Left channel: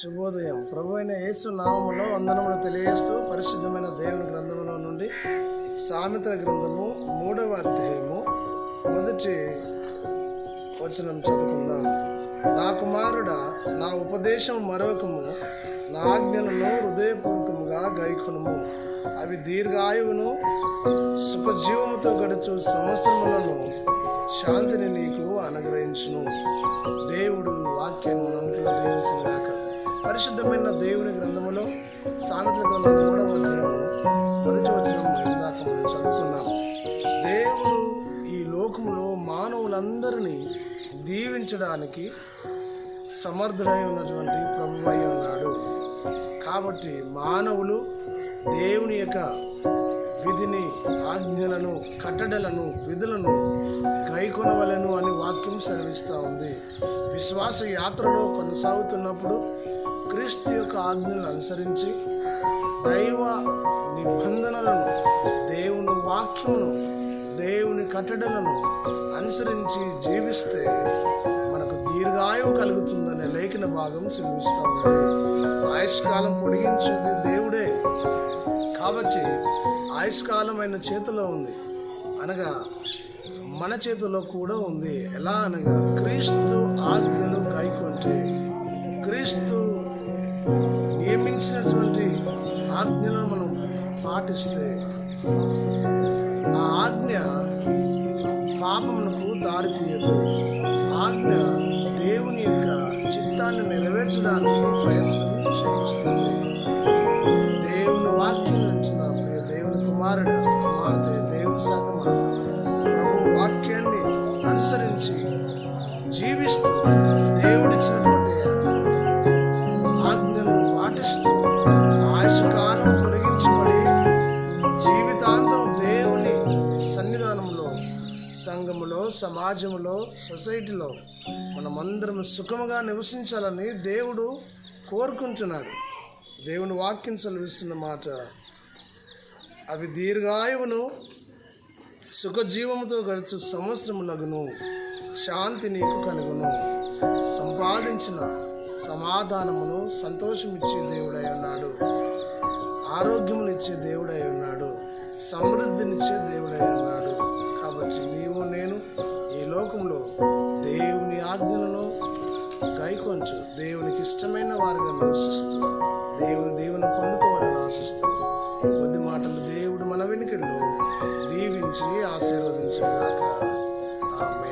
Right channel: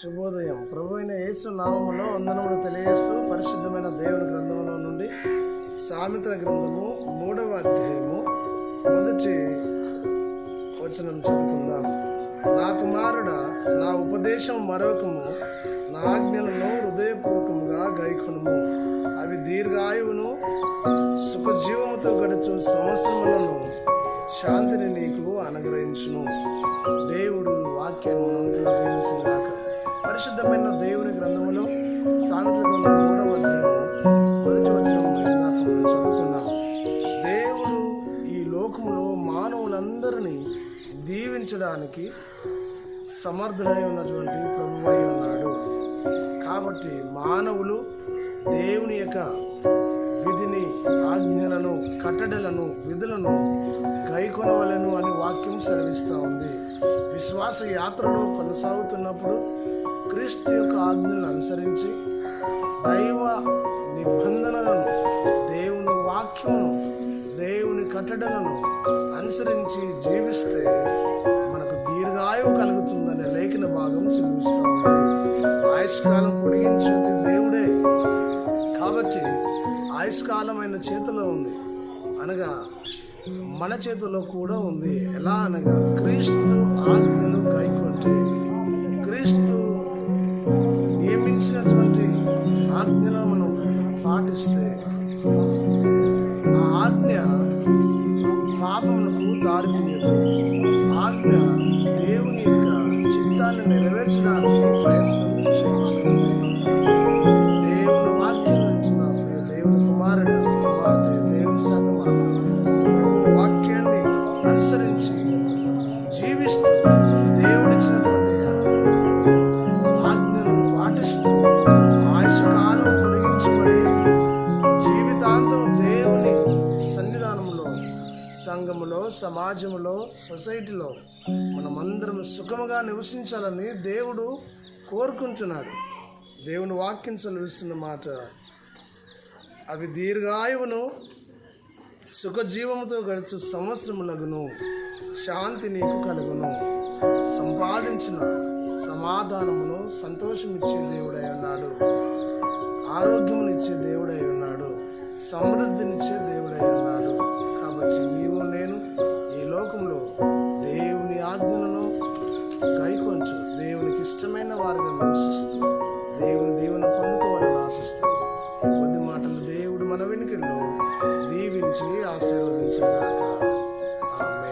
శుభోదయం. ప్రభు అయిన యేసు నామములో వందనములు తెలియజేస్తూ పరిశుద్ధమైన దేవుని గ్రంథములో నుండి సామెతల గ్రంథము 3వ అధ్యాయము 1వ వచనం చదువుకుందాం. నా కుమారుడా, నా ఉపదేశం మరొకము, నా ఆజ్ఞలను హృదయపూర్వకముగా గైకొనుము. అవి దీర్ఘాయువును సుఖజీవముతో గడుచు సంవత్సరములను శాంతిని నీకు అనుగ్రహించును. దేవుడు వాక్యాన్ని నమ్ముకున్న దీవించిన గాక. పరిశుద్ధమైన దేవుని గ్రంథములో సామెతల గ్రంథం 3వ అధ్యాయము 1వ వచనం ఇందాక మనం చదువుకున్నాం. దేవుడు ఈ లోకములో మానవులందరినీ దీవించడానికి సమర్థుడై ఉన్నటువంటి ప్రభువై ఉన్నాడు. కాబట్టి మానవులు దేవుని యొక్క విధిని, ఆజ్ఞలను, కట్టడలను, విధులను గైకొనవలెను అని వాక్యం సెలవిస్తూ ఉంది. విశ్వాస యాత్రలో కొనసాగుతున్నప్పుడు క్రీస్తు యొక్క ఆజ్ఞలను అనుసరించి దైవ నిబంధనలను, దేవుని వాక్యమును, దేవుని కట్టడలను అనుసరించి జీవిస్తే మనకు దీర్ఘాయువు కలుగుతుందనే లేఖన భాగం సెలవిస్తూ ఉంది. ఆయుష్కాలం పొడిగించేది దేవుడే. కాబట్టి ఆయుష్కాలం ఆయన చేతిలో ఉంది, అనగా మన చేతిలో కూడా ఉంది. ఎలా అనగా క్రీస్తు ఆజ్ఞలు గైకొంటే, క్రీస్తు నియమించినటువంటి ఆజ్ఞలను మనం పాటిస్తే ఆ ఆజ్ఞ పాపమునకు దారితీయదు. ఆజ్ఞ దేవుని యొక్క చిత్తాన్ని నెరవేర్చడానికి ప్రయత్నం చేస్తుంది. దేవుని వాక్యం నుంచి నా ప్రియ దేవుని కుమారుడు, కుమార్తె, దేవుని సంగమ, ప్రభు వాక్యాన్ని అనుసరించి జీవిస్తూ దేవుడిచ్చినటువంటి ఆజ్ఞలను పాటిస్తూ ఆయుష్కాలం పొడిగించబడి జీవితాంతం దేవుని సన్నిధానంలో, సంఘములో, సమాజంలో, సొసైటీలో మనమందరం సుఖముగా నివసించాలని దేవుడు కోరుకుంటున్నాడు. దేవుని వాక్యం సెలవిస్తున్న మాట, అవి దీర్ఘాయువును సుఖజీవముతో గడుచు సంవత్సరములగును, శాంతి నీకు కలుగును. సంపాదించిన సమాధానమును సంతోషమిచ్చే దేవుడై ఉన్నాడు, ఆరోగ్యమునిచ్చే దేవుడై ఉన్నాడు, సమృద్ధినిచ్చే దేవుడై ఉన్నాడు. కాబట్టి నీవు నేను ఈ లోకంలో దేవుని ఆజ్ఞలను గైకొంచు దేవునికి ఇష్టమైన వారిగా నివసిస్తూ దేవుని దీవెన పొందుకోవాలని ఆశిస్తూ ఈ కొద్ది మాటలు దేవుడు మన వెనుకల్లో దీవించి ఆశీర్వదించిన గాక. ఆమేన్.